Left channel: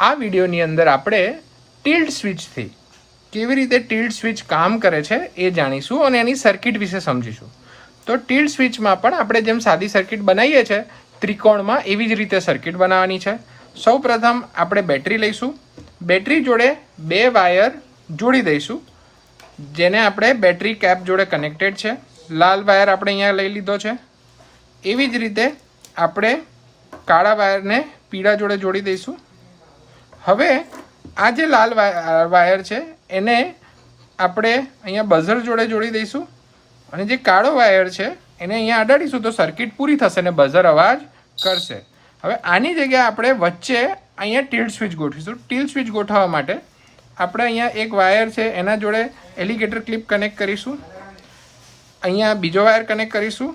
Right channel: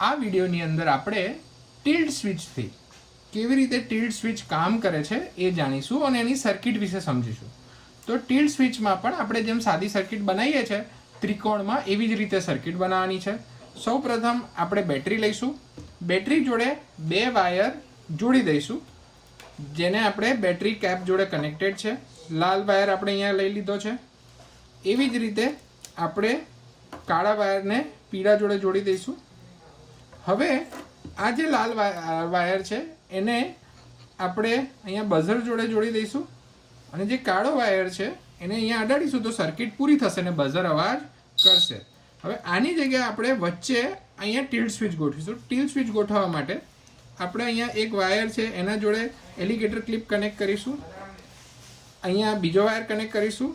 આ વિડીયોની અંદર આપણે ટિલ્ટ સ્વિચથી કેવી રીતે ટિલ્ટ સ્વિચ કામ કરે છે એ જાણીશું અને એની સર્કિટ વિશે સમજીશું. તો ટિલ્ટ સ્વિચમાં પણ આપણે જેમ સાદી સર્કિટ બનાવીએ છીએ ત્રિકોણમાં, એવી જ રીતે સર્કિટ બનાવવાની છે. સૌ પ્રથમ આપણે બેટરી લઈશું. બેટરી જોડે 2 વાયર જોડી દઈશું, જેને આપણે બેટરી કેપ જોડે કનેક્ટેડ છે. લાલ વાયર આપણે અહીંયા લઈ લીધો છે. એવી જ રીતે આપણે કાળા વાયરને પીળા જોડે જોડી દઈશું. હવે આ જે લાલ વાયર છે એને આપણે અહીંયા બઝર જોડે જોડી દઈશું અને જે કાળો વાયર છે એને અહીંયા અડાડીશું તો સર્કિટ પૂરી થશે અને બઝર અવાજ કરશે. હવે આની જગ્યાએ આપણે વચ્ચે અહીંયા ટિલ્ટ સ્વિચ ગોઠવીશું. ટિલ્ટ સ્વિચ ગોઠવવા માટે આપણે અહીંયા એક વાયર છે એના જોડે એલિગેટર ક્લિપ કનેક્ટ કરીશું, અહીંયા બીજો વાયર કનેક્ટ કરીશું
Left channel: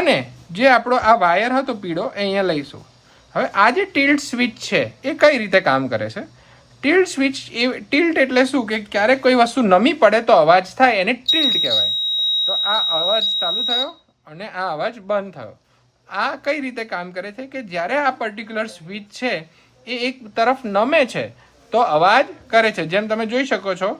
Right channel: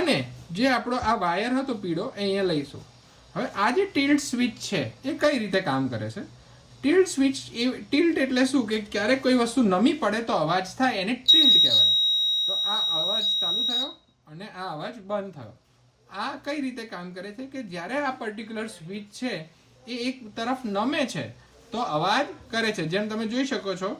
અને જે આપણો આ વાયર હતો પીળો એ અહીંયા લઈશું. હવે આ જે ટિલ્ટ સ્વિચ છે એ કઈ રીતે કામ કરે છે? ટિલ્ટ સ્વિચ ટિલ્ટ એટલે શું કે ક્યારેક કોઈ વસ્તુ નમી પડે તો અવાજ થાય, એને ટિલ્ટ કહેવાય. તો આ અવાજ ચાલુ થયો અને આ અવાજ બંધ થયો. આ કઈ રીતે કામ કરે છે કે જ્યારે આ પર્ટિક્યુલર સ્વિચ છે એ એક તરફ નમે છે તો અવાજ કરે છે. જેમ તમે જોઈ શકો છો,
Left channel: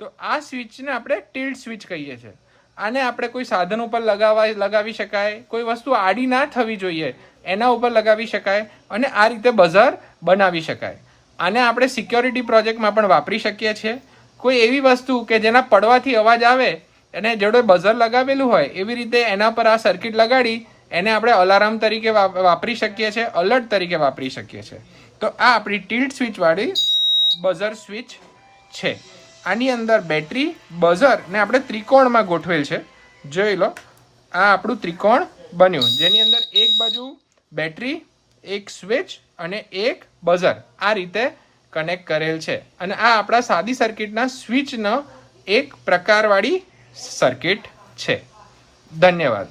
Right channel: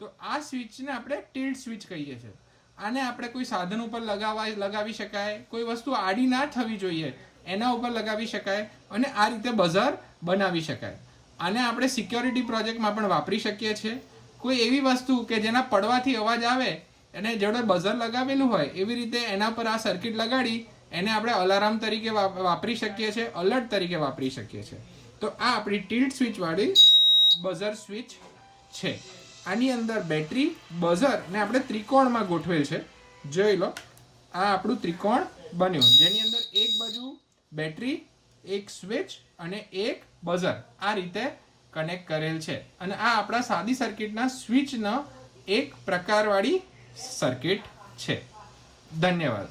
તો આ સ્વિચને આપણે ટિલ્ટ સ્વિચ કહીએ છીએ. આને આપણે કોઈ સાધન ઉપર લગાવી શકાય, કોઈ વસ્તુ આડી ના થવી જોઈએ એના ઉપર લગાવી શકાય અને આ રીતે બઝર બનાવી શકાય. આને આપણે સિક્યોરિટી પ્રોજેક્ટમાં પણ વાપરી શકીએ છીએ. કોઈ એવી વસ્તુ કે જેના પડવાથી અવાજ આવે એને જોડે બઝર લગાવેલું હોય એવી રીતે એના પર આ સર્કિટ લગાડી એને આપણે અલાર્મ તરીકે વાપરી શકીએ છીએ, અલર્ટ તરીકે વાપરી શકીએ છીએ. તો આ આપણી ટિલ્ટ સ્વિચ વાળી બઝર સ્વિચ છે. આની અંદર બેટરી, બઝર ને આપણે ત્રિકોણમાં ગોઠવેલ છે. જોઈ લો, આ આપણું ત્રિકોણ બન્યું જેની અંદર એક બાજુ બેટરી, એક સ્વિચ અને એક બઝર આ રીતે કનેક્ટ કરેલ છે. અને આ આપણા સાદી સર્કિટના સ્વિચનો એક પ્રકારવાળી સર્કિટ છે. ધન્યવાદ.